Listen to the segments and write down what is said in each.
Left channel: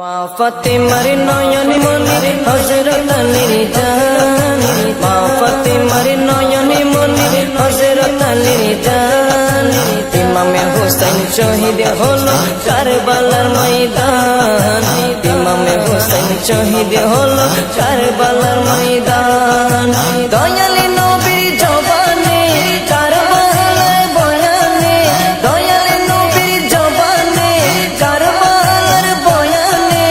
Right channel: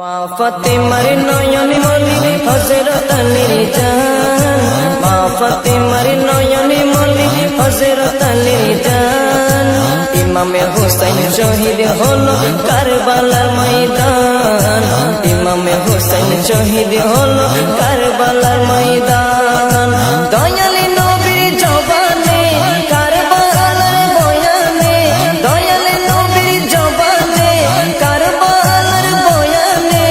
মা ফাতেমার নয়ন মনি হযরত আলীর জান, মা ফাতেমার নয়ন মনি হযরত আলীর জান। ইমামে হোসেন শহীদ হলো কারবালার ময়দান, ইমামে হোসেন শহীদ হলো কারবালার ময়দান। দয়ালি নবীর জবানে কারবালার বয়ানে, দয়ালি নবীর জবানে কারবালার বয়ানে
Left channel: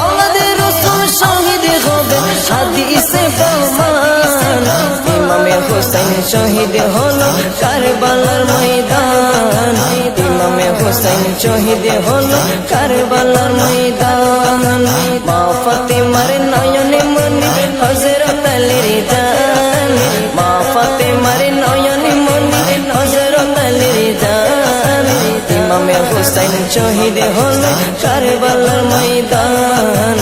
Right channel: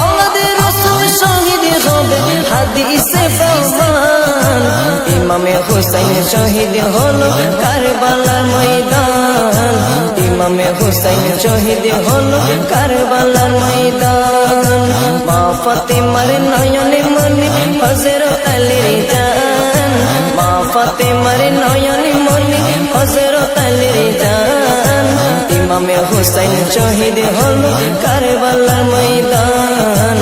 আওলাদে রাসূল শহীদ হবে হাদিসে প্রমাণ। ইমামে হোসেন শহীদ হলো কারবালার ময়দান, ইমামে হোসেন শহীদ হলো কারবালার ময়দান। মা ফাতেমার নয়নে মনি হযরত আলীর জান, মা ফাতেমার নয়নে মনি হযরত আলীর জান। ইমামে হোসেন শহীদ হলো কারবালার ময়দান,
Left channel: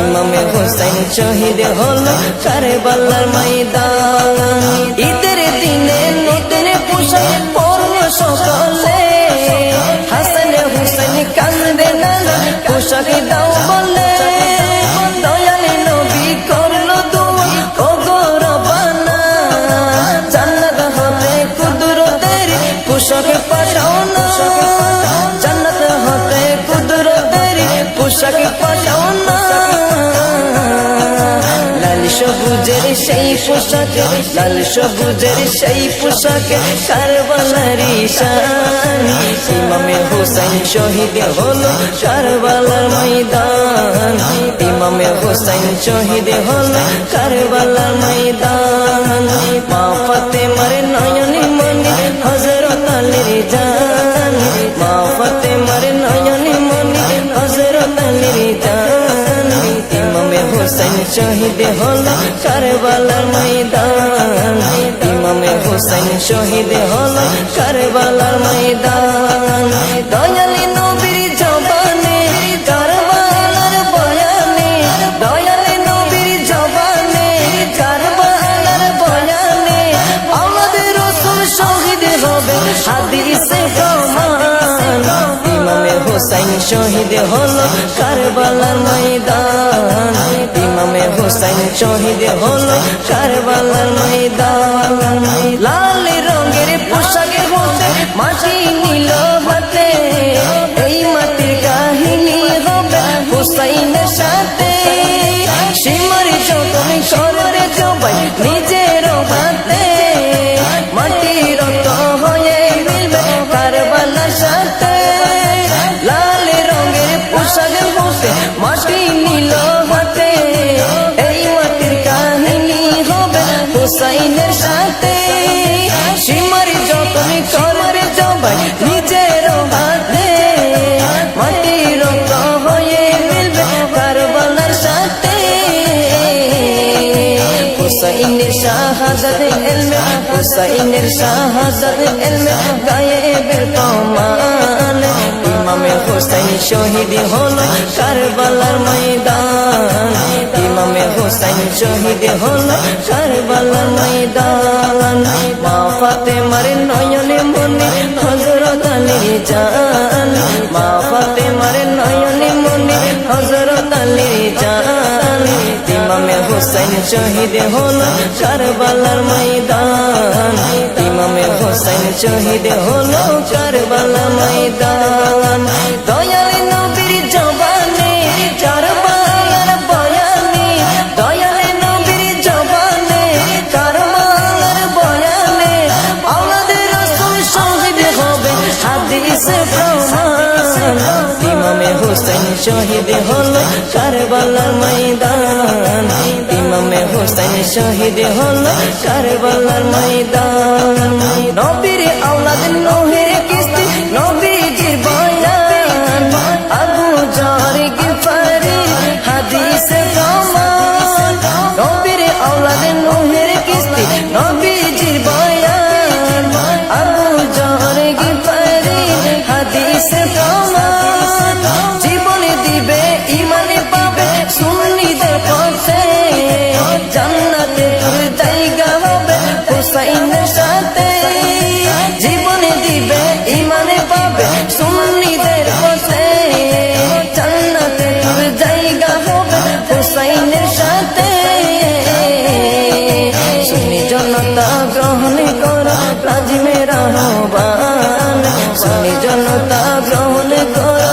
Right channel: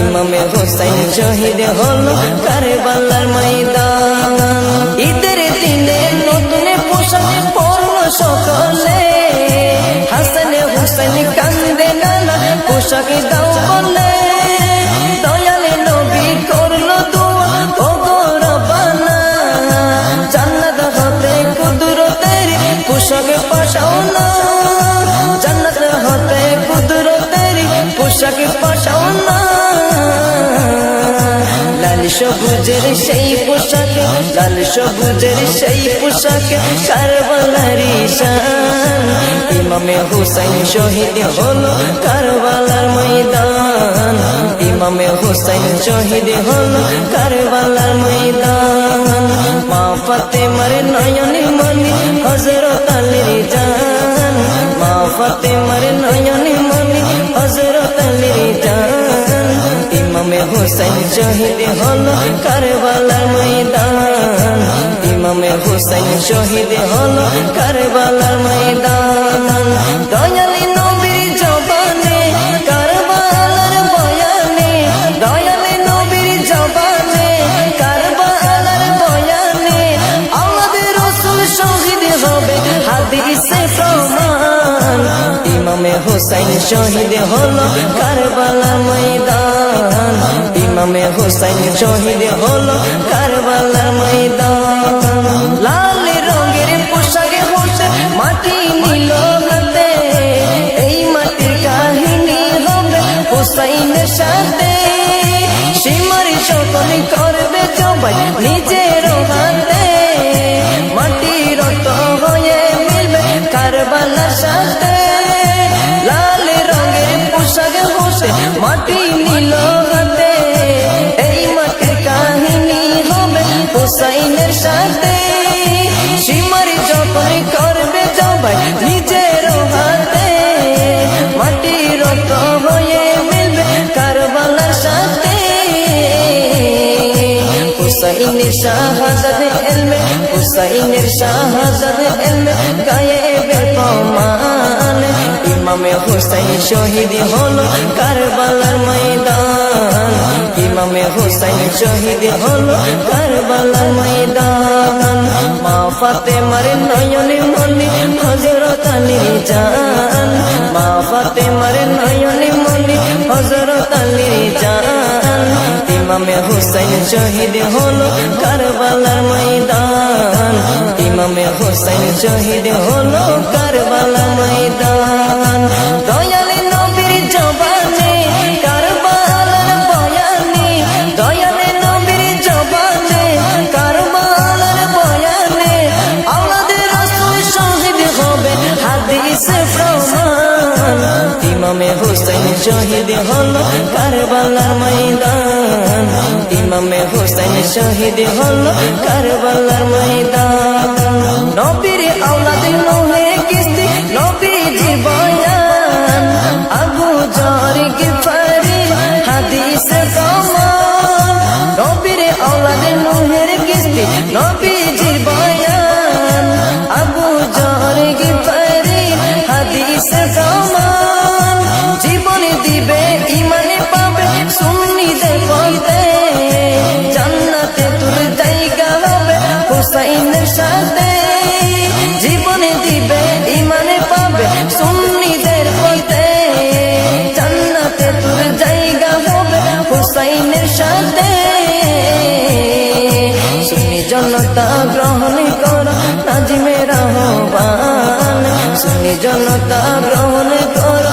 ইমামে হোসেন শহীদ হলো কারবালার ময়দান। ঈদের দিনে নতুন পোশাক পরলো সকলে, হাসান হুসেন কান্দে নানা পোশাক দাও বলে। দয়ালে নবী করলো দোয়া ও গো রব্বানা, জান্নাত হতে কুদরতের পোশাক পাঠাও না, জান্নাত হতে কুদরতের পোশাক পাঠাও না। লাল সবুজের সেই পোশাকে, লাল সবুজের সেই পোশাকে কারবালার শান। ইমামে হোসেন শহীদ হলো কারবালার ময়দান, ইমামে হোসেন শহীদ হলো কারবালার ময়দান। মা ফাতেমার নয়নে মনি হযরত আলীর জান, মা ফাতেমার নয়নে মনি হযরত আলীর জান। ইমামে হোসেন শহীদ হলো কারবালার ময়দান, ইমামে হোসেন শহীদ হলো কারবালার ময়দান। দয়ালি নবীর জবানে কারবালার বয়ানে, দয়ালি নবীর জবানে কারবালার বয়ানে আওলাদে রাসূল শহীদ হবে হাদিসে প্রমাণ। ইমামে হোসেন শহীদ হলো কারবালার ময়দান, ইমামে হোসেন শহীদ হলো কারবালার ময়দান। লাল রঙের পোশাকে হতে মাটি নিল হাতে, এই মাটির কাহিনী হবে হুসাইনের সাথে। সীমার যতন করবে জবাই নিজের হাতে, মাটি রক্ত হয়ে মিলবে কারবালার সাথে। লাল রঙের পোশাক হতে মাটি নিল হাতে, এই মাটির কাহিনী হবে হুসাইনের সাথে। সীমার যতন করবে জবাই নিজের হাতে, মাটি রক্ত হয়ে মিলবে কারবালার সাথে। হুসাইনের শাহাদাত ইলমে, হুসাইনের শাহাদাত ইলমে গায়েবের প্রমাণ। ইমামে হোসেন শহীদ হলো কারবালার ময়দান, ইমামে হোসেন শহীদ হলো কারবালার ময়দান। মা ফাতেমার নয়নে মনি হযরত আলীর জান, মা ফাতেমার নয়নে মনি হযরত আলীর জান। ইমামে হোসেন শহীদ হলো কারবালার ময়দান, ইমামে হোসেন শহীদ হলো কারবালার ময়দান। দয়ালি নবীর জবানে কারবালার বয়ানে, দয়ালি নবীর জবানে কারবালার বয়ানে আওলাদে রাসূল শহীদ হবে হাদিসে প্রমাণ। ইমামে হোসেন শহীদ হলো কারবালার ময়দান, ইমামে হোসেন শহীদ হলো কারবালার ময়দান। নবীর আওলাদ নূহে কিস্তি নবীজির বয়ান, আবু যর গিফারি হাদিসে প্রমাণ। নবীর আওলাদ নূহের কিস্তি নবীজির বয়ান, আবু যর গিফারি হাদিসে প্রমাণ। জীবনে দিবে ইমানে পাবে সুন্নিদের পথে, জান্নাতে তোর জায়গা হবে হুসাইনের সাথে। জীবনে দিবে ইমানে পাবে সুন্নিদের পথে, জান্নাতে তোর হুসাইনের সাথে সুন্নি জনতা গ্রহণ করো নাজিমের আহ্বান সুন্নি জনতা গ্রহণ করো